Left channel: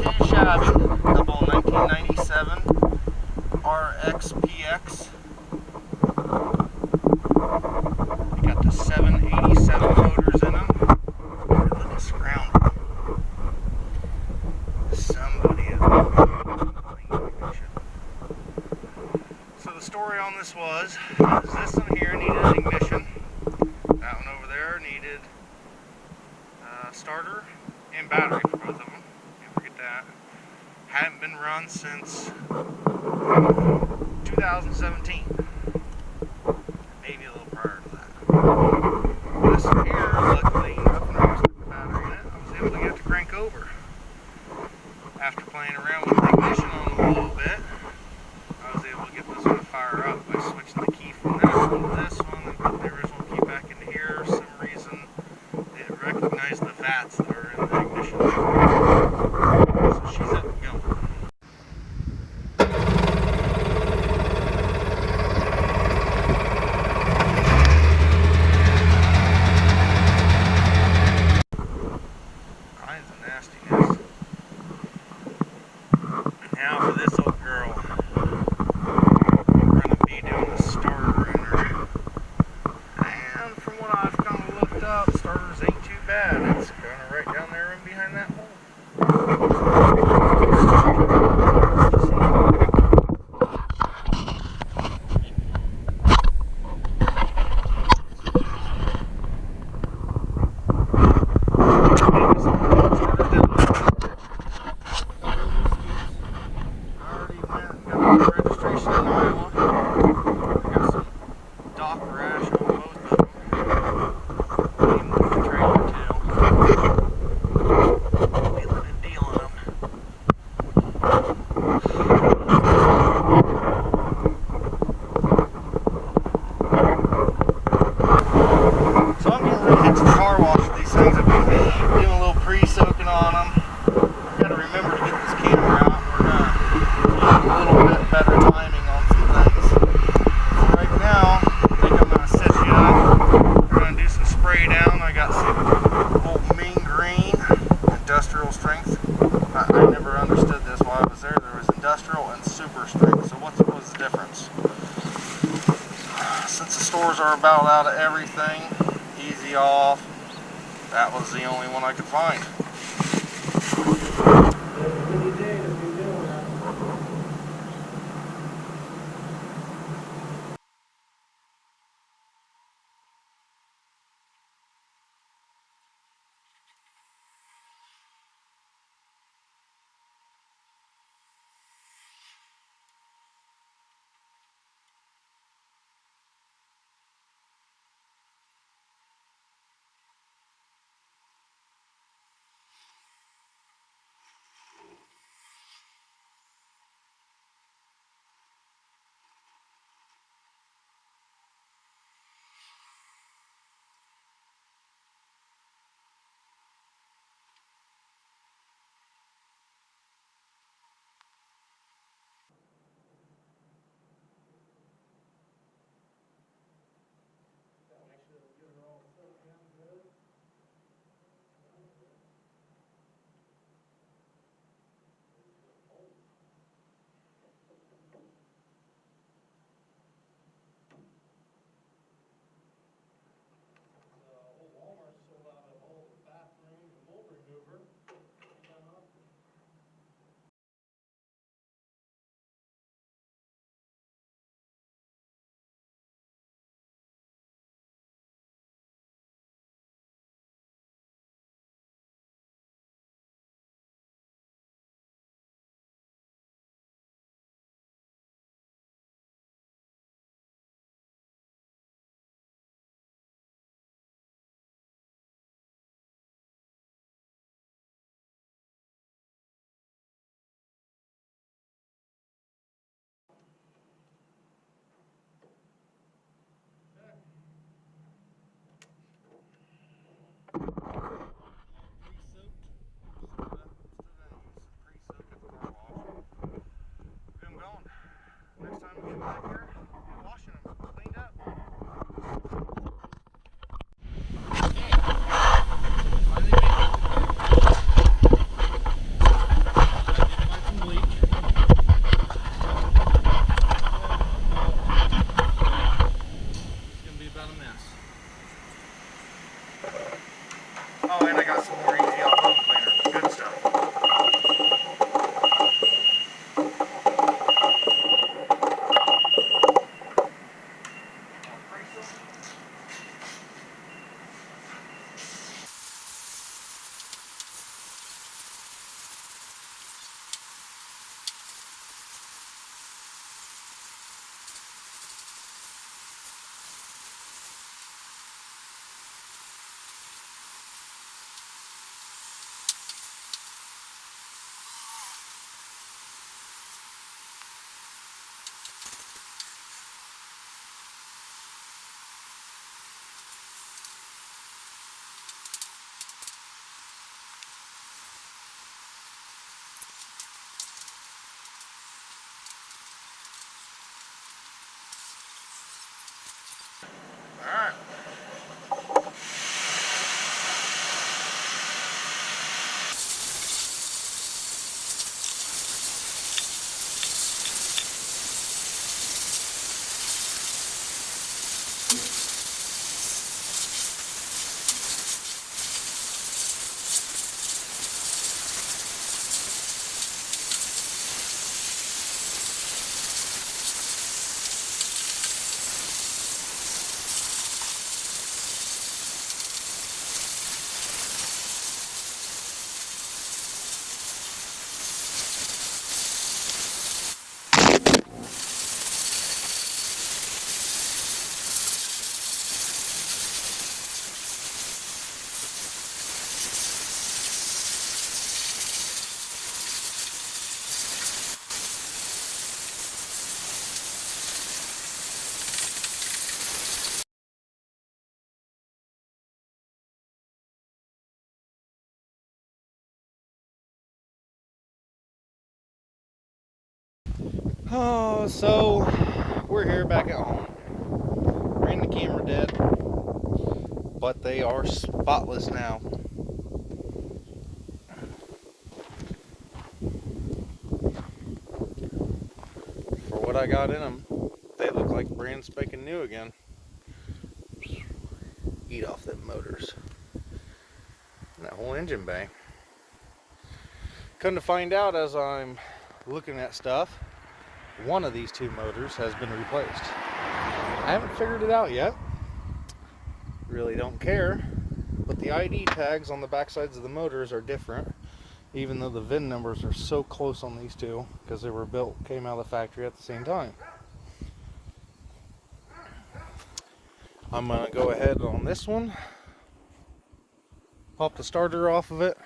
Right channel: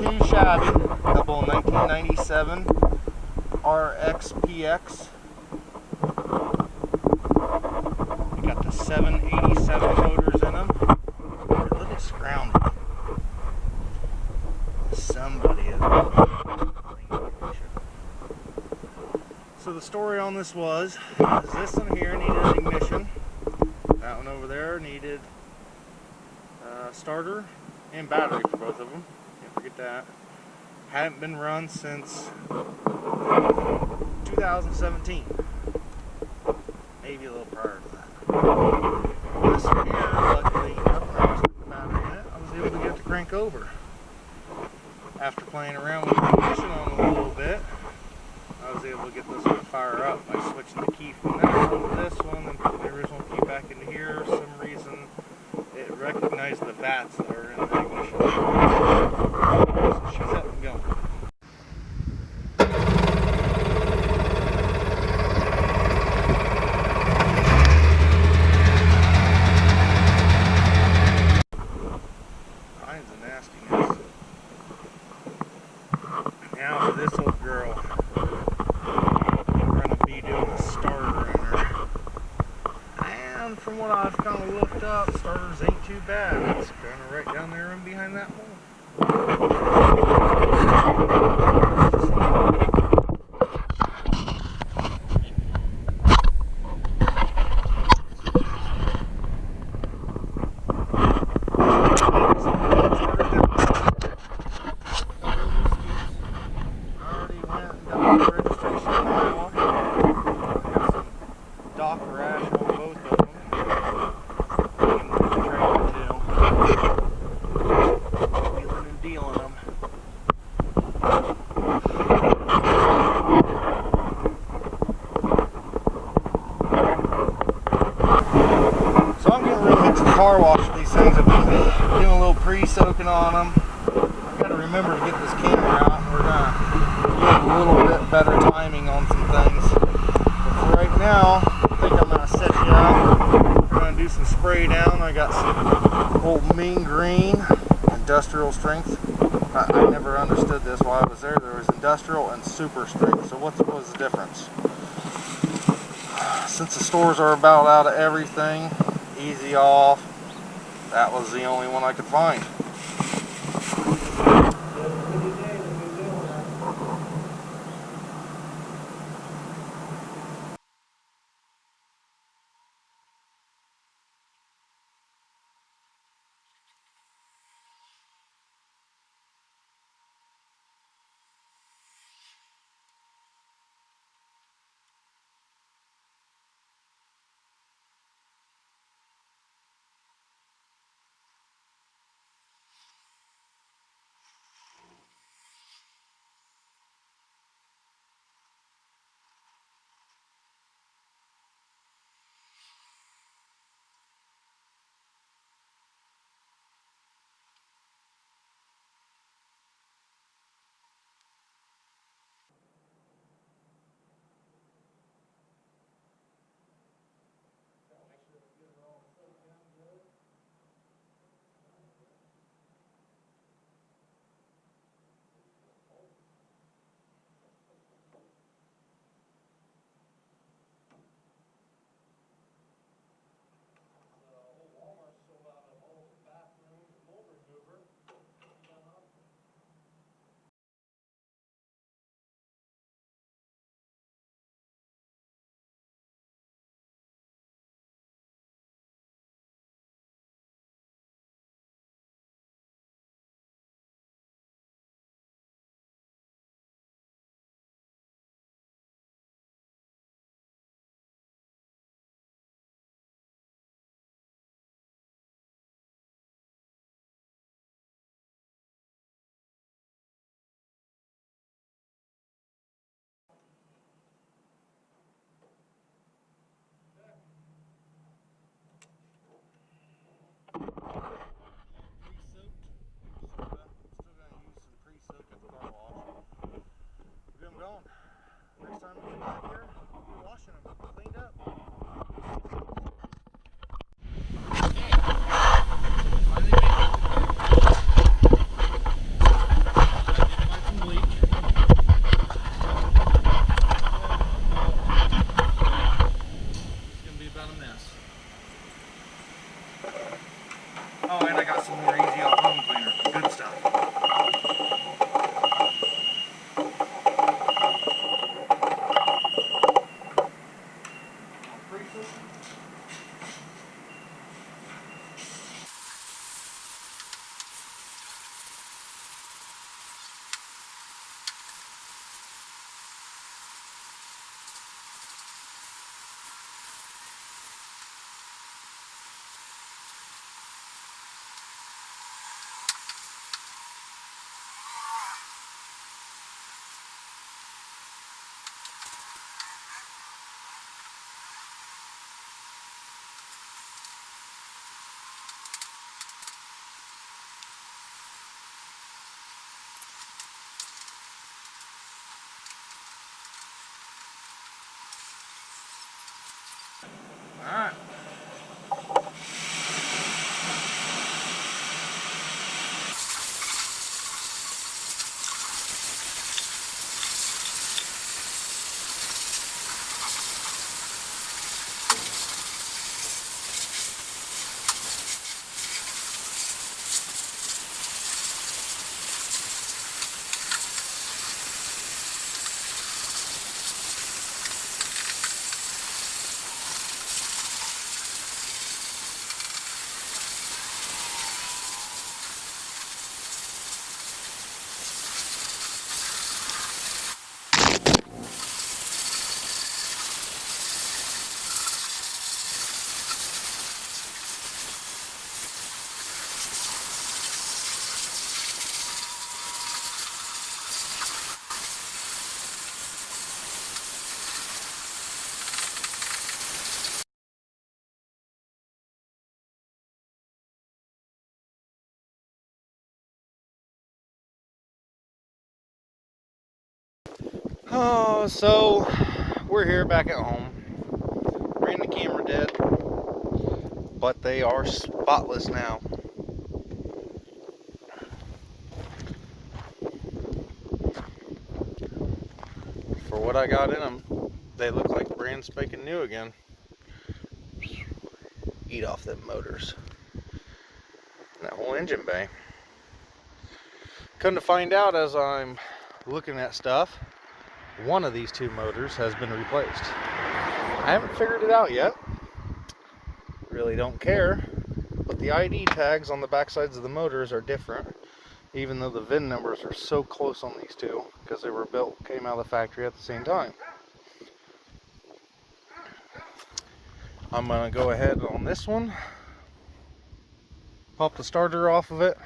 too shabby. Couple 1997 RXPX. You got the 787 motors in them. They're a little scrounged. Somebody is not clean like they should have. So the story on this was, this one here needed an ignition. That one over there needed starter and battery for both of them. Can't forget that. Hadn't been run since 2017. Maybe a little prior to that. This one here, luckily enough, when I stuck the battery in it, I was able to get it to crank over. After playing around with the ignition on it a little bit, I was able to get this one to fire up by switching the key from that one to this one and putting the original key back into here. For some reason, it recognized the vats that are in the ignition. So she's up and going. Kinds of nastiness. Now for this old girl, we're going to be doing a starter in her. And from what I've kind of looked up, starters ain't too bad. It's kind of right down there and behind that hole. Car wash these things. I've been doing a little pre-soaking on them. I've got to remember to get this camera out. We're going to get a little bit better timing on some things. But for right now, I think I'm going to set you out. I'm going to do some spray down. I got some old mean green industrial strength. I never understood this while I was there. There was industrial and super strength. So what was the difference? Since the stores are about out of everything, easy off, that was the only one I could find. I got some more easy off home cleaner. Good stuff. Alright. Oh, so we're here back at home. Ran the camera dead, but they are spotless now. For what I got in them, they look like brand spanking new again. Eat off them motors. And that whole engine bay. Come to find out, as I'm looking at stuff, one of these two motors has been replaced. I haven't figured it out yet. Really don't care. But the ID tags on the back sides of the motors are different, even though the VIN numbers are so close on these two because they were came out of the factory at the same time. I'm going to go ahead on this one, pop the starter off of it.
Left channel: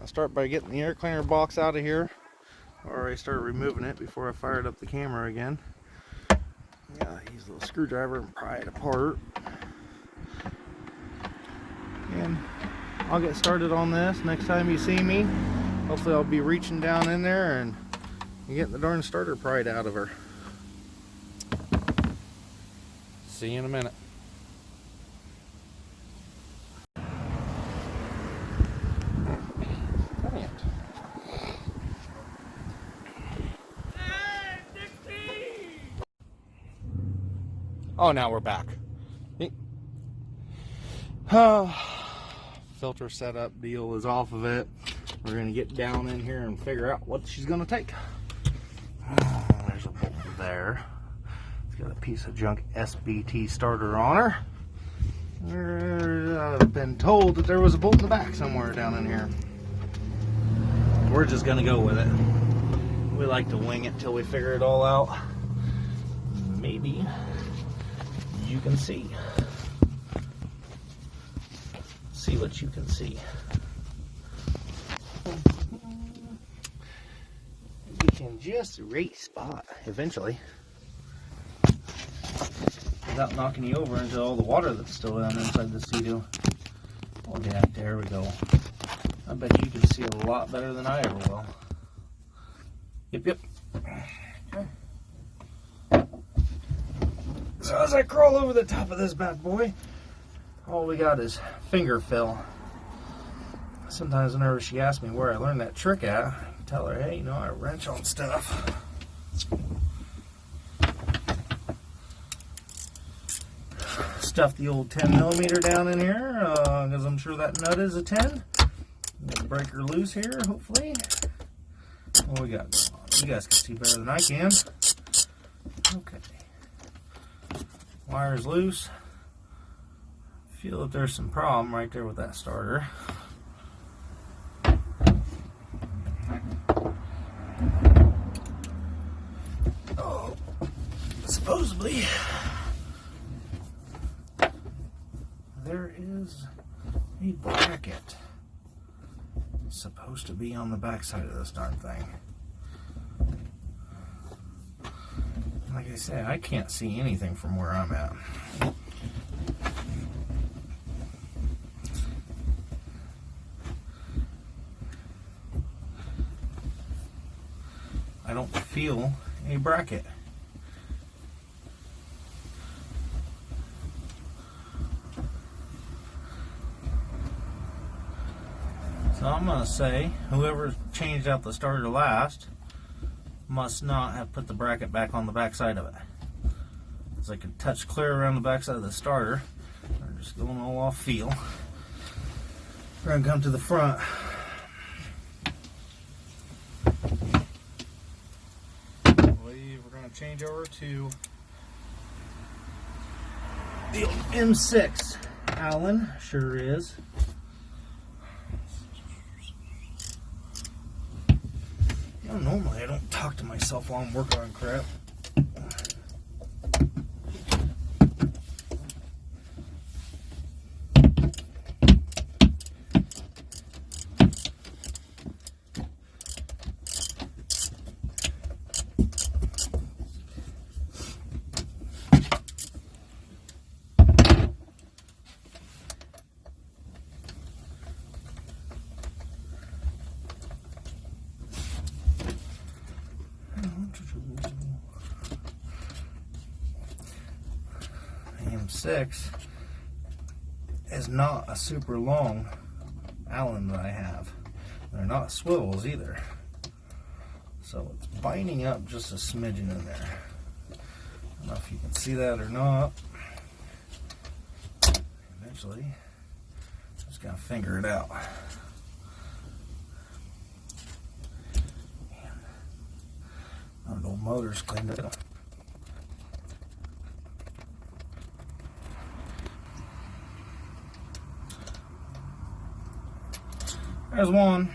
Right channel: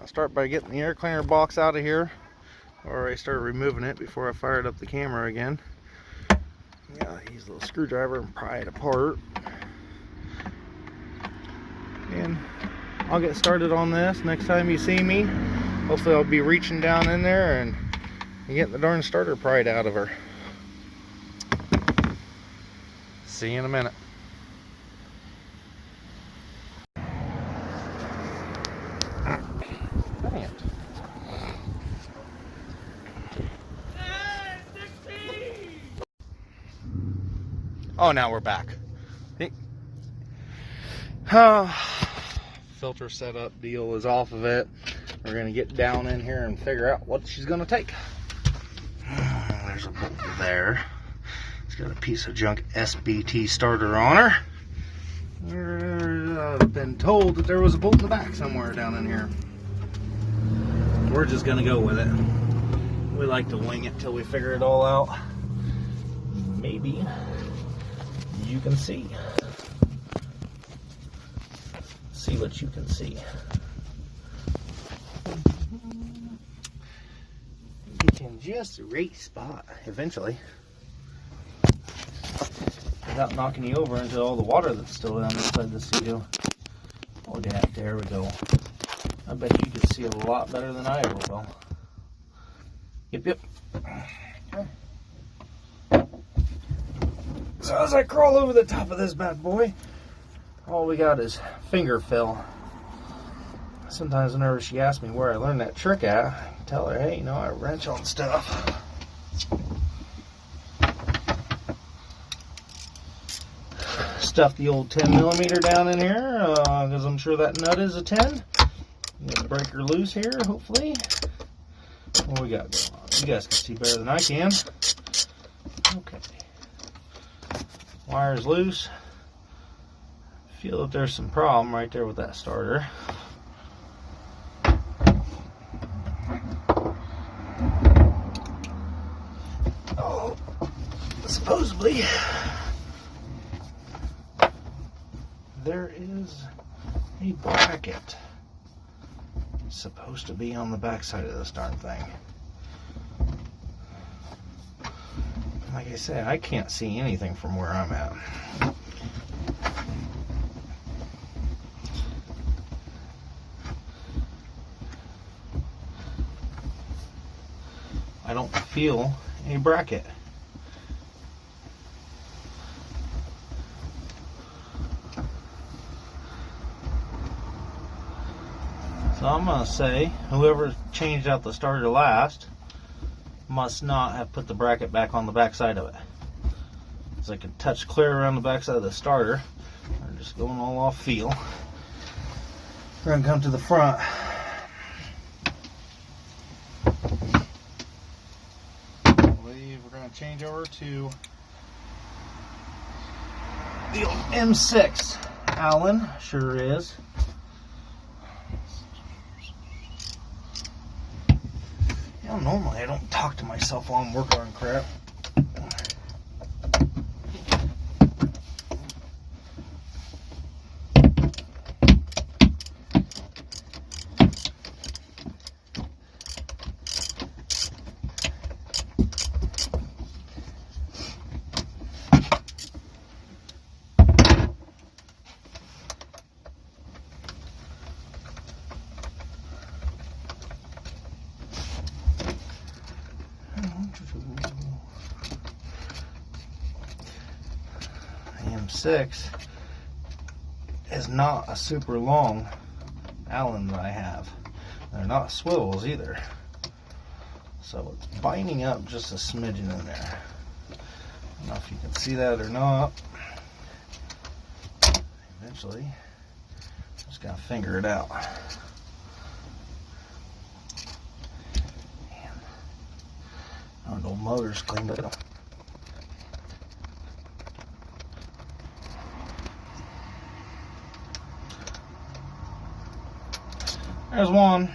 I'll start by getting the air cleaner box out of here. Already started removing it before I fired up the camera again. Yeah, use a little screwdriver and pry it apart. And I'll get started on this. Next time you see me, hopefully I'll be reaching down in there and getting the darn starter pried out of her. See you in a minute. Dang it. Oh, now we're back. Filter setup deal is off of it. We're gonna get down in here and figure out what she's gonna take. There's a bolt there. It's got a piece of junk SBT starter on her. I've been told that there was a bolt in the back somewhere down in here. We're just gonna go with it. We like to wing it till we figure it all out. Maybe you can see. See what you can see. We can just rate spot eventually, without knocking you over into all the water that's still down inside this SeaDoo. Oh yeah, there we go. I bet you can see a lot better than I ever will. Yep. So as I crawl over the top of this bad boy, all we got is finger fill. Sometimes whenever she asks me where I learned that trick at, I can tell her, hey, you know, I wrench on stuff. stuff the old 10mm down in here, because I'm sure that nut is a 10. Get the breaker loose here, hopefully. What we got going on? You guys can see better than I can. Okay. Wire's loose. Feel that there's some problem right there with that starter. Oh, supposedly there is a bracket supposed to be on the back side of this darn thing. Like I said, I can't see anything from where I'm at. I don't feel a bracket. So I'm going to say whoever changed out the starter last must not have put the bracket back on the back side of it. So I can touch clear around the back side of the starter. We're just going all off feel. We're going to come to the front. I believe we're going to change over to the old M6 Allen. Sure is. Normally I don't talk to myself while I'm working on crap. M6 is not a super long Allen that I have. They're not swivels either. So it's binding up just a smidgen in there. I don't know if you can see that or not. Eventually, just gotta figure it out. Man. I don't know, motor's cleaned it up. There's one.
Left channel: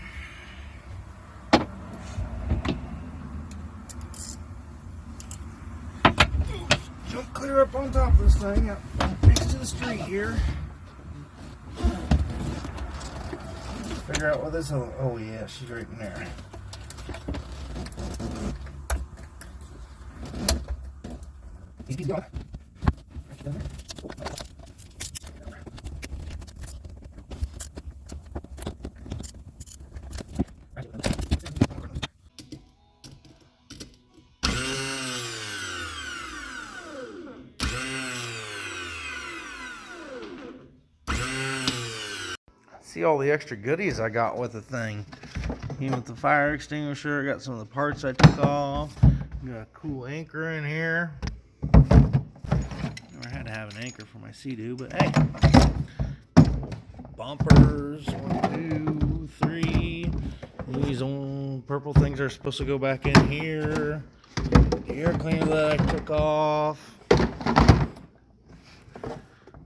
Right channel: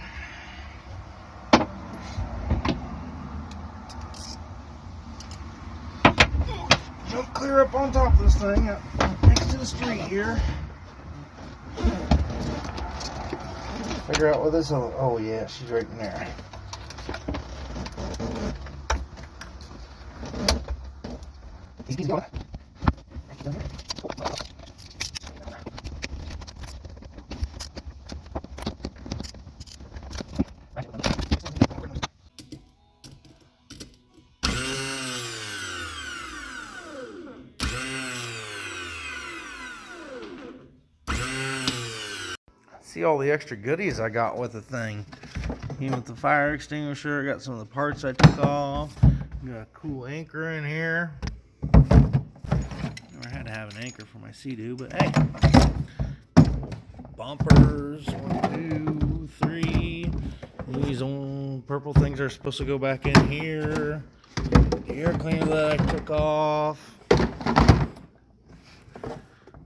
Jump clear up on top of this thing, up next to the street here. Figure out what this is. Oh yeah, she's right in there. He's going. See all the extra goodies I got with the thing. Even with the fire extinguisher, I got some of the parts I took off. Got a cool anchor in here. Never had to have an anchor for my SeaDoo, but hey. Bumpers, 1, 2, 3. These old purple things are supposed to go back in here. The air cleaner that I took off.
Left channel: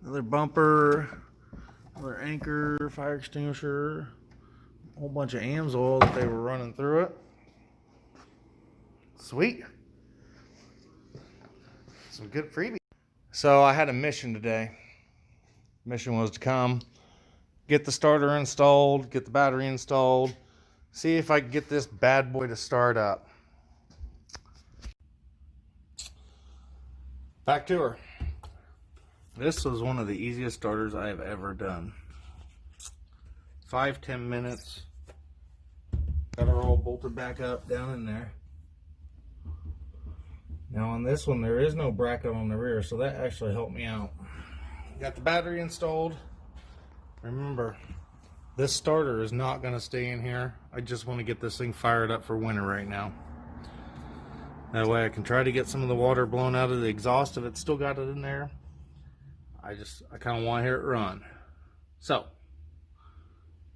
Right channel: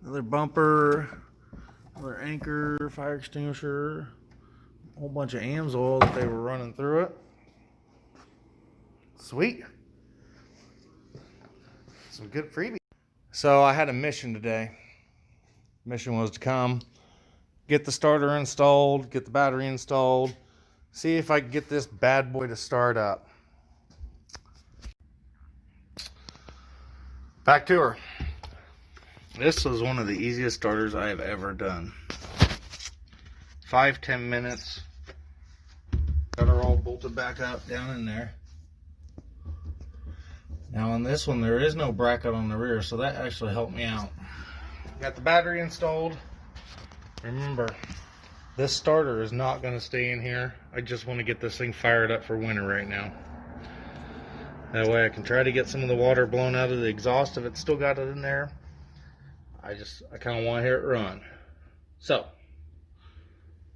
Another bumper. Another anchor, fire extinguisher, a whole bunch of AMSOIL that they were running through it. Sweet. Some good freebies. So I had a mission today. Mission was to come, get the starter installed, get the battery installed, see if I could get this bad boy to start up. Back to her. This was one of the easiest starters I have ever done. 5-10 minutes. Got her all bolted back up down in there. Now on this one there is no bracket on the rear, so that actually helped me out. Got the battery installed. Remember, this starter is not going to stay in here. I just want to get this thing fired up for winter right now. That way I can try to get some of the water blown out of the exhaust if it's still got it in there. I kind of want to hear it run. So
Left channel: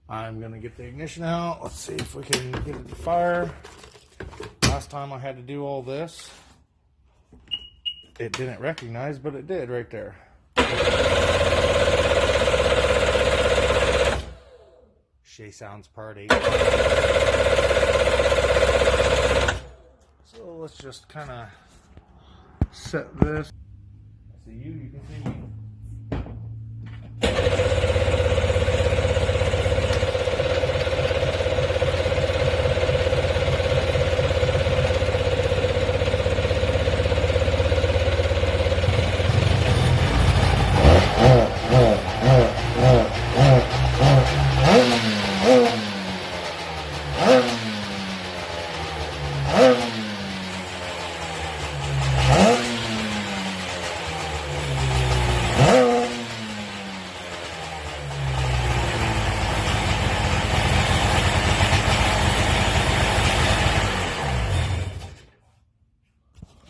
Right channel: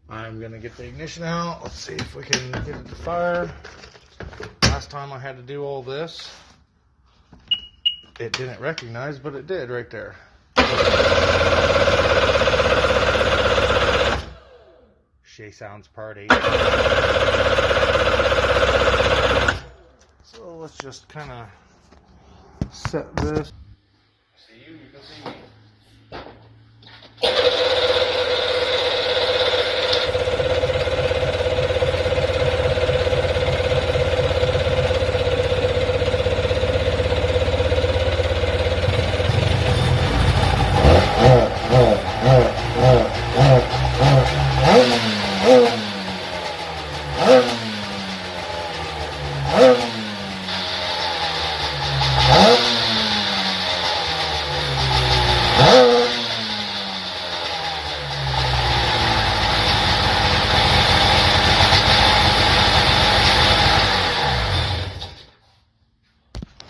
I'm gonna get the ignition out. Let's see if we can get it to fire. Last time I had to do all this, it didn't recognize, but it did right there. Shay Sounds Party. So let's just kind of set this. See you can see me.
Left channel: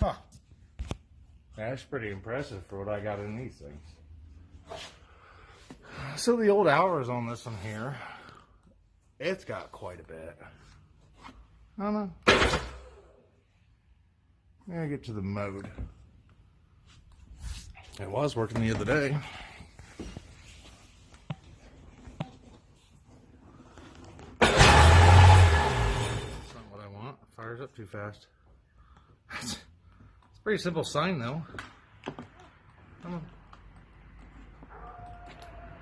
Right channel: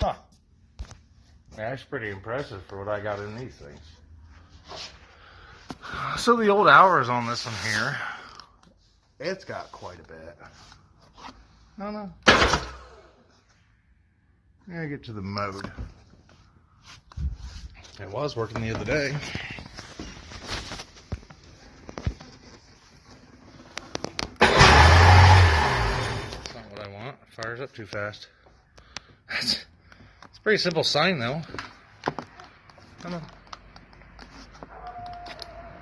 Huh. That's pretty impressive for what I got in these things. So the old hours on this one here, it's got quite a bit. I don't know. I get to the mode. It was working the other day. That's not what I want. It fires up too fast. It's a pretty simple sign though. Come on.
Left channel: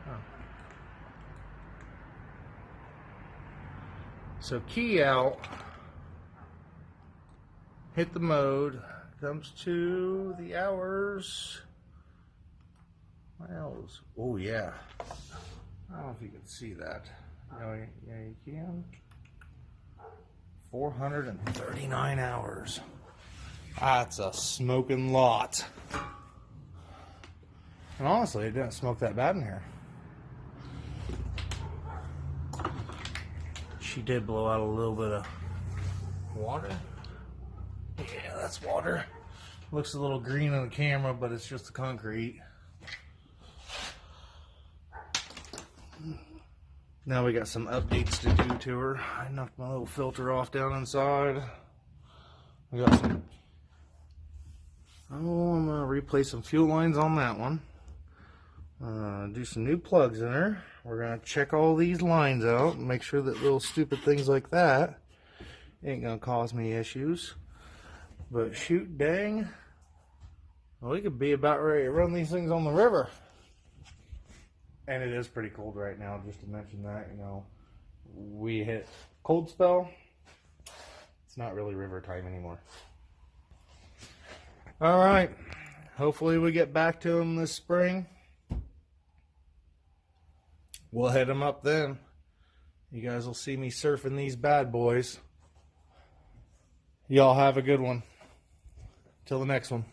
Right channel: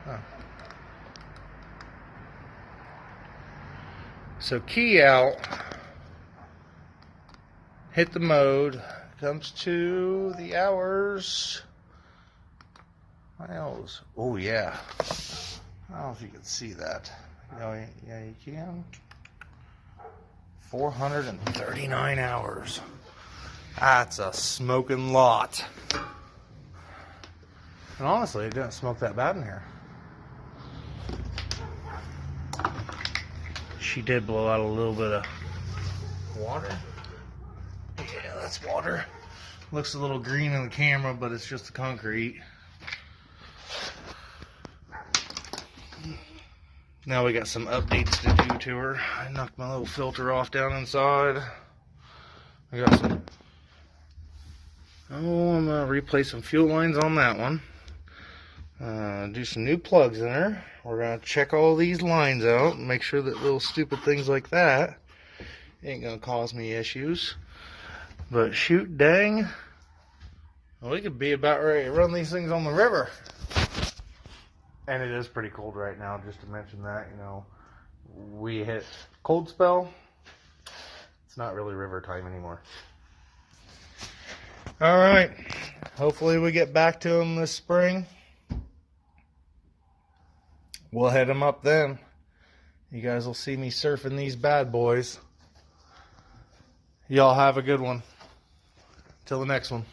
Oh. So key out, hit the mode, comes to the hours. Miles. Oh yeah. I don't know if you can see that. Yeah, you can. 439 hours. That's a smoking lot. And honestly, it didn't smoke that bad in here. She did blow out a little bit of water. Yeah, that's water. Looks a little green on the camera, but it's just the concrete. Now we got some updates to do to her. I knocked my little filter off down inside. I got some... Oh, I'm going to replace some fuel lines on that one. Do some new plugs in her. We're going to check all these lines out and make sure that little stupid things like that ain't going to cause me issues. But shoot dang, well, we could be about ready to run these things on the river. And it is pretty cold right now, just to mention that, you know, we hit cold spell. It's not really river time anymore. All right, hopefully we get back to them this spring. We'll head them up then. You guys will see me surfing these bad boys. Y'all have a good one. Till the next one.